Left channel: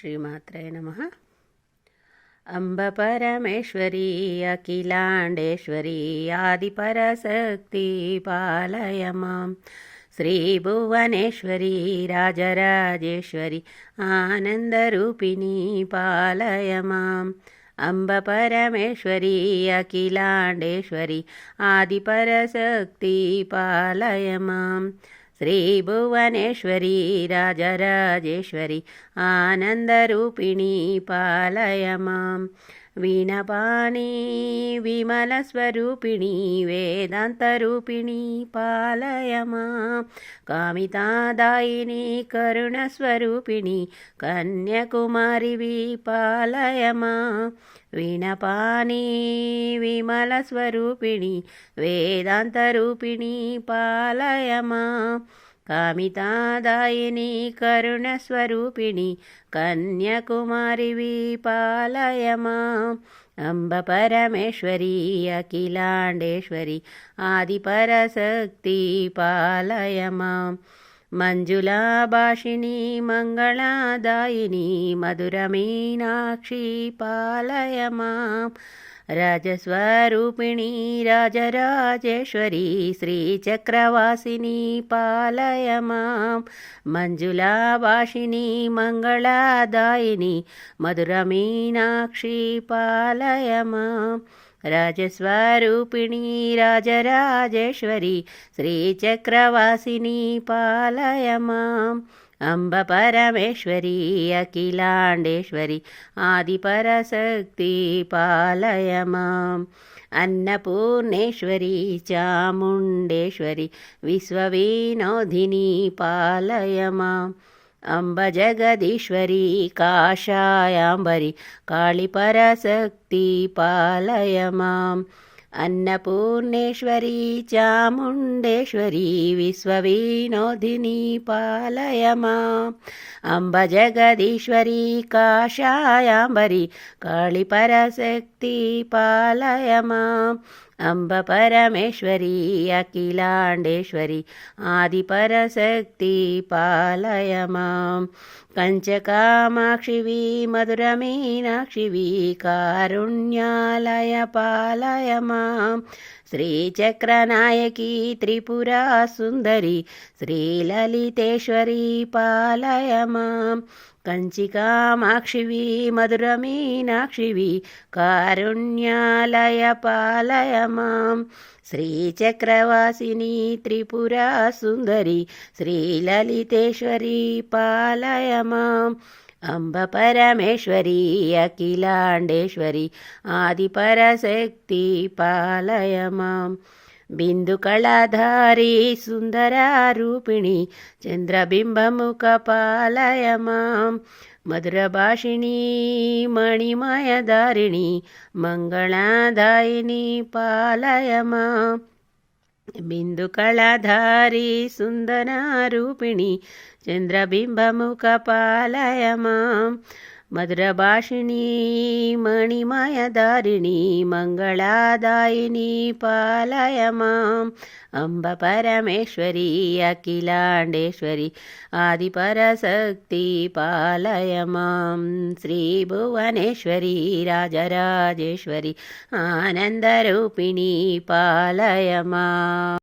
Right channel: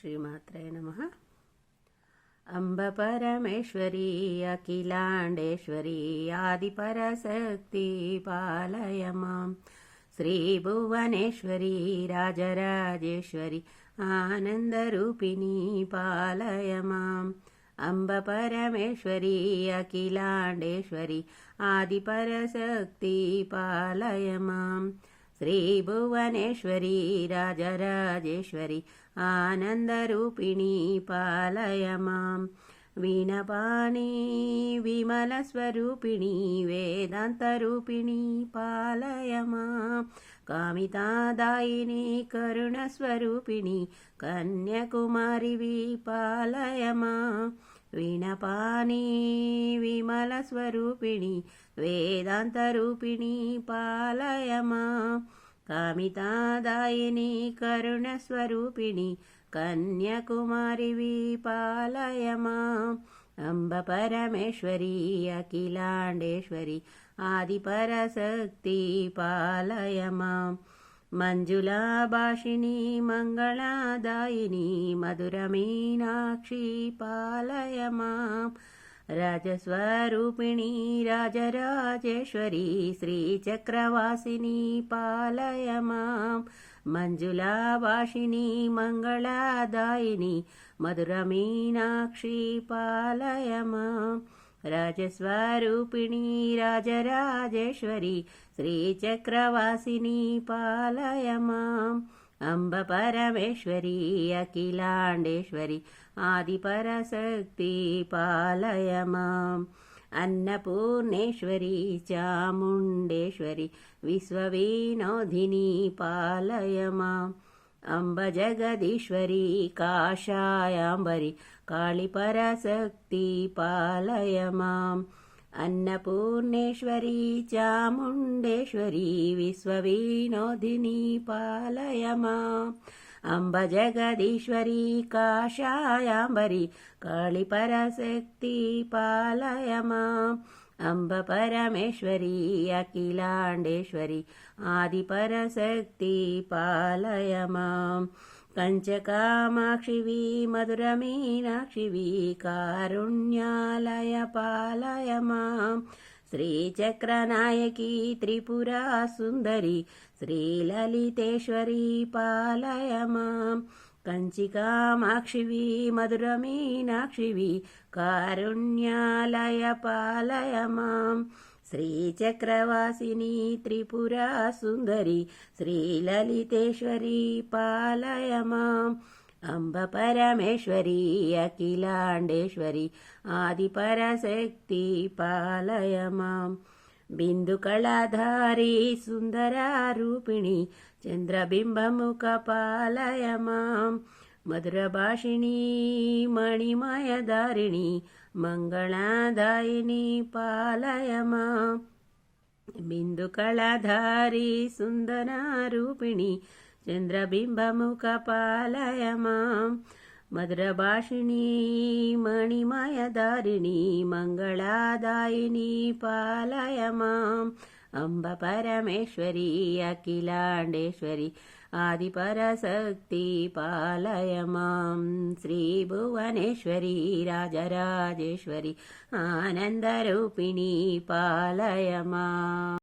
శ్రీమాత్రే నమః. అంబ పరమేశ్వరీ అఖిలాండేశ్వరీ ఆదిపరశక్తి పాలయ మాం. శ్రీభువనేశ్వరీ రాజరాజేశ్వరి ఆనందరూపిణీ పాలయ మాం. అంబ పరమేశ్వరీ అఖిలాండేశ్వరి ఆదిపరశక్తి పాలయ మాం. శ్రీభువనేశ్వరీ రాజరాజేశ్వరి ఆనందరూపిణీ పాలయ మాం. వీణపాణి విమలస్వరూపిణీ వేదాంతరూపిణీ పాలయ మాం. కామితాదాయిని కరుణస్వరూపిణీ కన్యాకుమారివి పాలయ మాం. వీణపాణి విమలస్వరూపిణీ వేదాంతరూపిణీ పాలయ మాం. కామితాదాయిని కరుణస్వరూపిణి కన్యాకుమారివి పాలయ మాం. అంబ పరమేశ్వరీ అఖిలాండేశ్వరి ఆదిపరశక్తి పాలయ మాం. మంజులాభాషిణి మంగళదాయిని మధురమీనాక్షి పాలయ మాం. రాజస్వరూపిణి రాజరాజేశ్వరి శ్రీచక్రవాసిని పాలయ మాం. మంజులాభాషిని మంగళదాయిని మధురమీనాక్షి పాలయ మాం. రాజస్వరూపిణి రాజరాజేశ్వరి శ్రీచక్రవాసిని పాలయ మాం. అంబ పరమేశ్వరీ అఖిలాండేశ్వరి ఆదిపరశక్తి పాలయ మాం. అన్నపూర్ణేశ్వరి చాముండేశ్వరి విశ్వవినోదిని పాలయ మాం. అంబ జగదీశ్వరి కాషాయాంబరి కాళీపరశక్తి పాలయ మాం. అన్నపూర్ణేశ్వరి చాముండేశ్వరి విశ్వవినోదిని పాలయ మాం. అంబ జగదీశ్వరి కాషాయాంబరి కాళీపరశక్తి పాలయ మాం. అంబ పరమేశ్వరీ అఖిలాండేశ్వరి ఆదిపరశక్తి పాలయ మాం. కంచకామాక్షివి మధురమీనాక్షివి కారుణ్యాలయ పాలయ మాం. శ్రీచక్రనాయకి త్రిపురా సుందరి శ్రీలలితేశ్వరి పాలయ మాం. కంచికామాక్షివి మధురమీనాక్షివి కారుణ్యాలయ పాలయ మాం. శ్రీచక్రవాసిని త్రిపురా సుందరి శ్రీలలితేశ్వరి పాలయ మాం. అంబ పరమేశ్వరీ అఖిలాండేశ్వరి ఆదిపరశక్తి పాలయ మాం. బిందుకళాధారి సుందరారూపిణి చంద్రబింబముఖ పాలయ మాం. మధురభాషిణీ మణిమయధారిణి మంగళదాయిని పాలయ మాం. బిందుకళాధారి సుందరారూపిణి చంద్రబింబముఖ పాలయ మాం. మధురభాషిణీ మణిమయధారిణి మంగళదాయిని పాలయ మాం. అంబ పరమేశ్వరీ అఖిలాండేశ్వరి ఆదిపరశక్తి పాలయ మాం. శ్రీభువనేశ్వరీ రాజరాజేశ్వరి ఆనందరూపిణీ పాలయ మాం.